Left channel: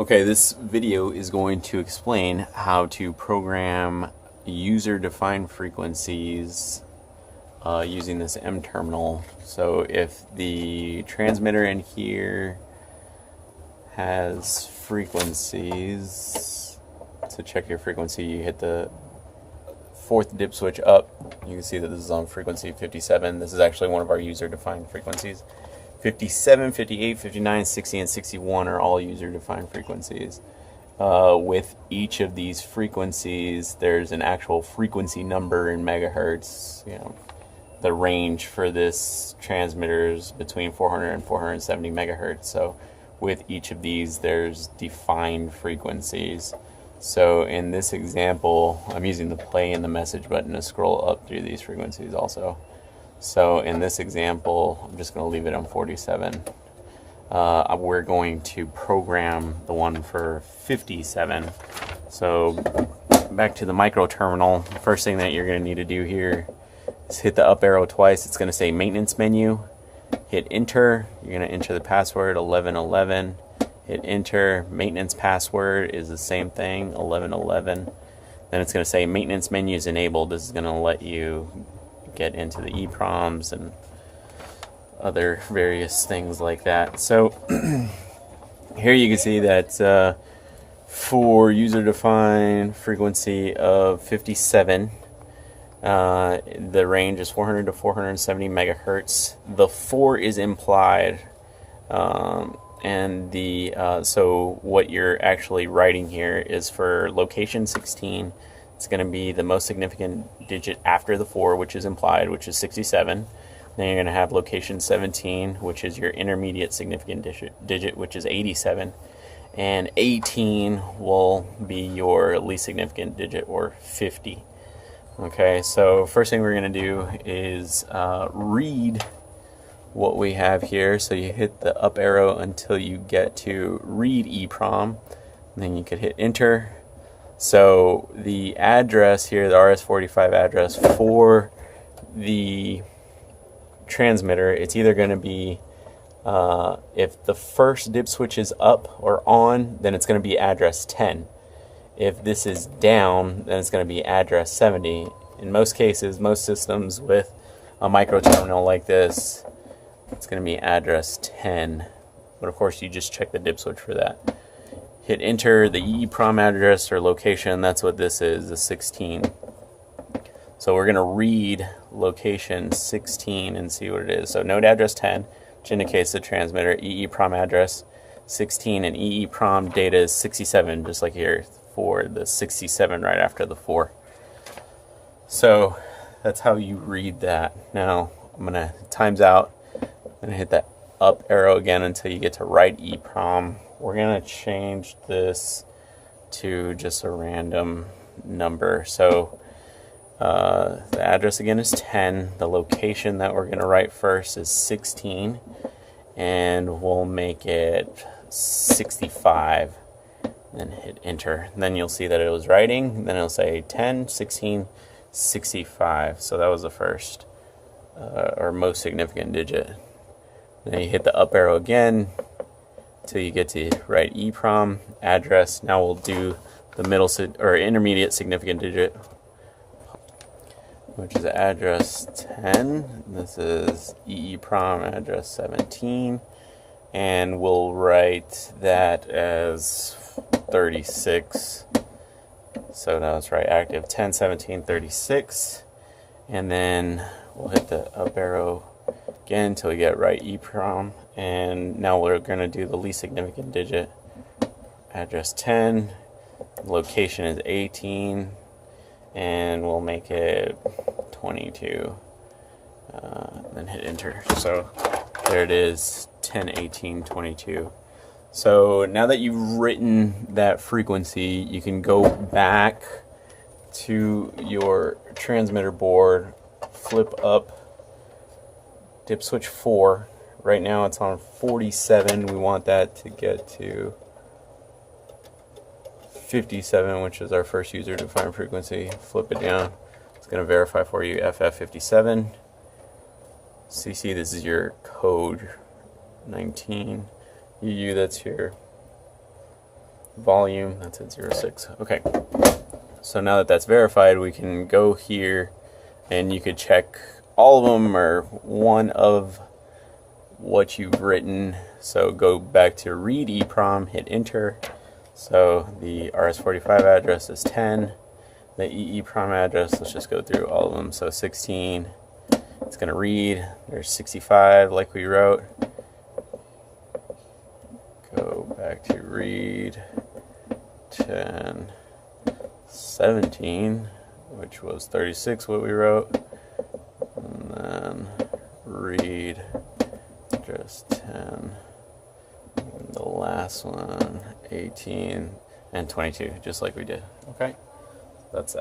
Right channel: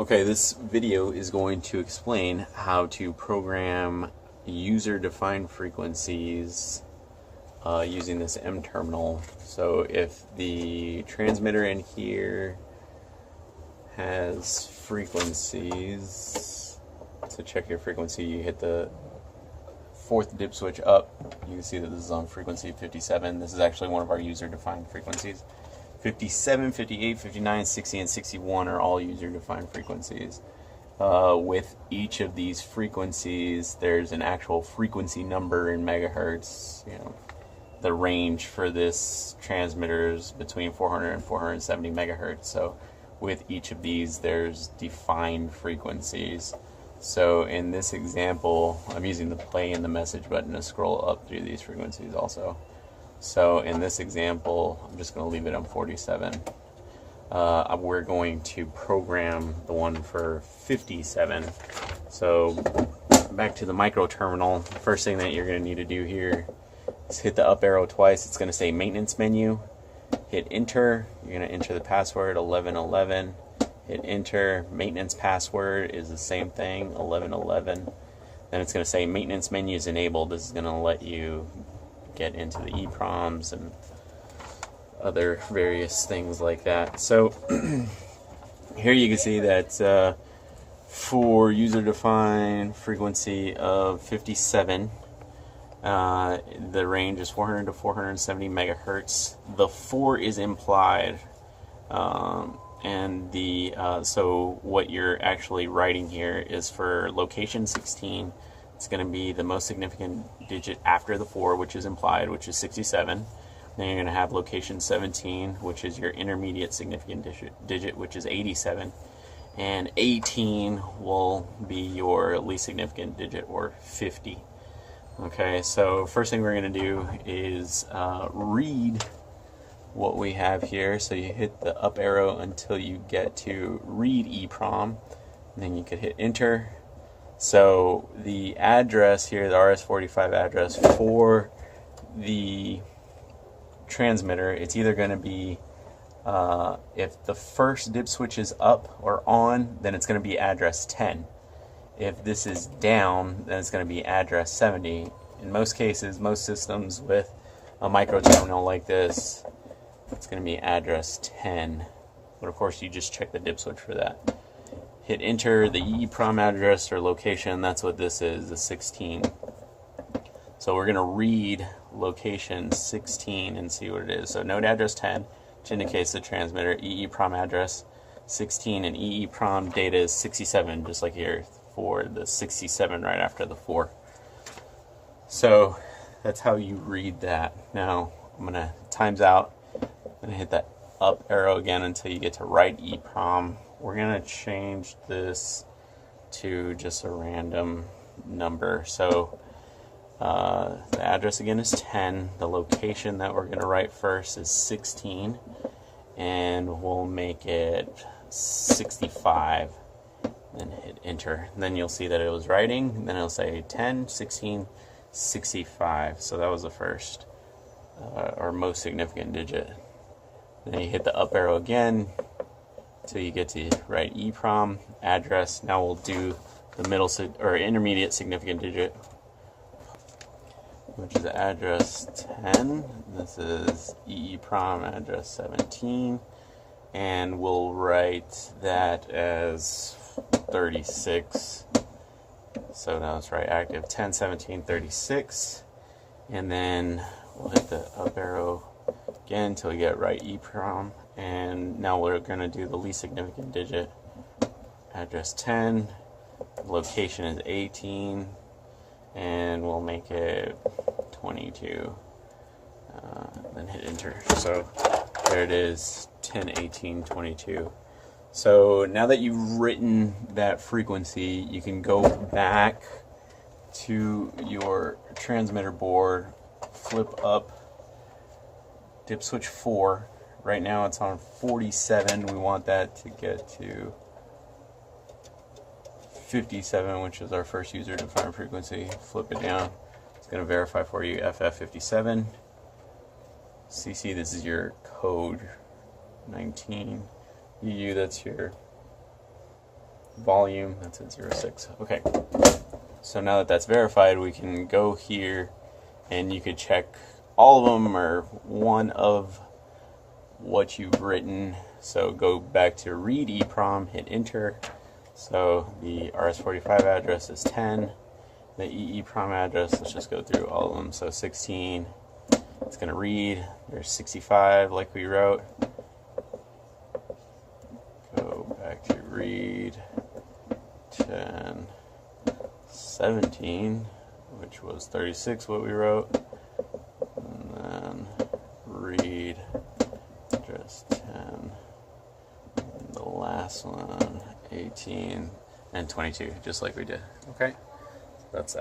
Okay, this video is going to explain how to program user-defined frequencies using this M terminal. So if the transmitter in here has frequencies, to check your frequency, you hit the fourth dip switch up. You can see that this is on frequency 57. This is actually one of our user-defined frequencies. 57, 58, 59, 60, and 61 are all user-defined frequencies. With each of these frequencies, there's an actual frequency number in megahertz. The range for this transmitter is between 400 and 470 megahertz. So with each of these, there's defined frequencies. So in this example, I'm using the play and the message button to scroll up through these frequencies also. So in this example, I'm just going to leave it on 47. We're going to program the one for 57. So back to the micro terminal. The first thing that you're going to need to do here is hit the up arrow twice. It's going to say maintenance menu. Hit enter. You're going to enter the password 1111. Hit enter. Maintenance password is the same thing, 1111. Then it's going to say maintenance menu is enabled. This is going to let you get into the EPROMs and other various things like that. So here you can see that for user-defined frequency of 57, the range is 400 to 470 megahertz. The 4 is implied, and the so what you're actually writing here is for location 16. It's going to be the most significant digit after the 4, which is implied, which is 67. Then you're going to have location 17, which is your intermediate significant digit, which is 87. And 18 will be your least significant digit, or 50. Okay, so first thing we're going to do is read what we have here. So you hit the up arrow until you get to read EPROM. And then you could hit enter. So the address here, the RS-45 address for the transmitter, it's either going to be, if the first dip switch is up or on, then it's going to be address 10. If this is down, then it's going to be address 70. In most cases, most systems with a micro terminal like this, it's going to be address 10. But of course, you just check the dip switch for that. Hit enter the EEPROM address or location. That's what this is, the 16. So we're going to read location 16 and see what it is. So node address 10, which indicates the transmitter, EEPROM address 16, and EEPROM data is 67, just like here for the 67 right after the 4. So that's how you read that. Now I'm going to, times out, I'm going to hit that up arrow again until you get to write EEPROM. We're going to change this to just a random number. So the address again is 10. The location that we're going to write first is 16. And we'll make it 65. Then hit enter. And then you'll see that it was writing. Then it'll say 10, 16, 65. So that was the first or most significant digit. Then you hit the up arrow again till you get to write EEPROM address. Now we'll do the middle or intermediate significant digit, which is address 10. This is EEPROM address 17, and we'll write that as 36. So now let's write active 10, 17, 36, and then we'll hit the up arrow again until we get right EEPROM. And now we're going to do the least significant digit, address 10, location is 18, and we'll make it 22, then hit enter. So there it is, 10, 18, 22. So now that you've written that frequency, you can go back to your transmitter board, flip up dip switch 4. Right now it's on 47. We want that to get to 57, which is our first user-defined frequency. Flip it down. It's going to verify for you FF57. CC, this is your code 19. UU, that's your volume, that's at 06. Okay, so now that that's verified, we can go here and you could check all of them or one of what you've written. So go back to read EEPROM, hit enter. So the RS-45 address is 10. The EEPROM address, let's just go through all of them. So 16, it's going to read. There's 65 like we wrote. Go back to read. 10, 17, which was 36 what we wrote. And then read address 10. And the last one, 18 and 22, just like we did. Okay, that's that.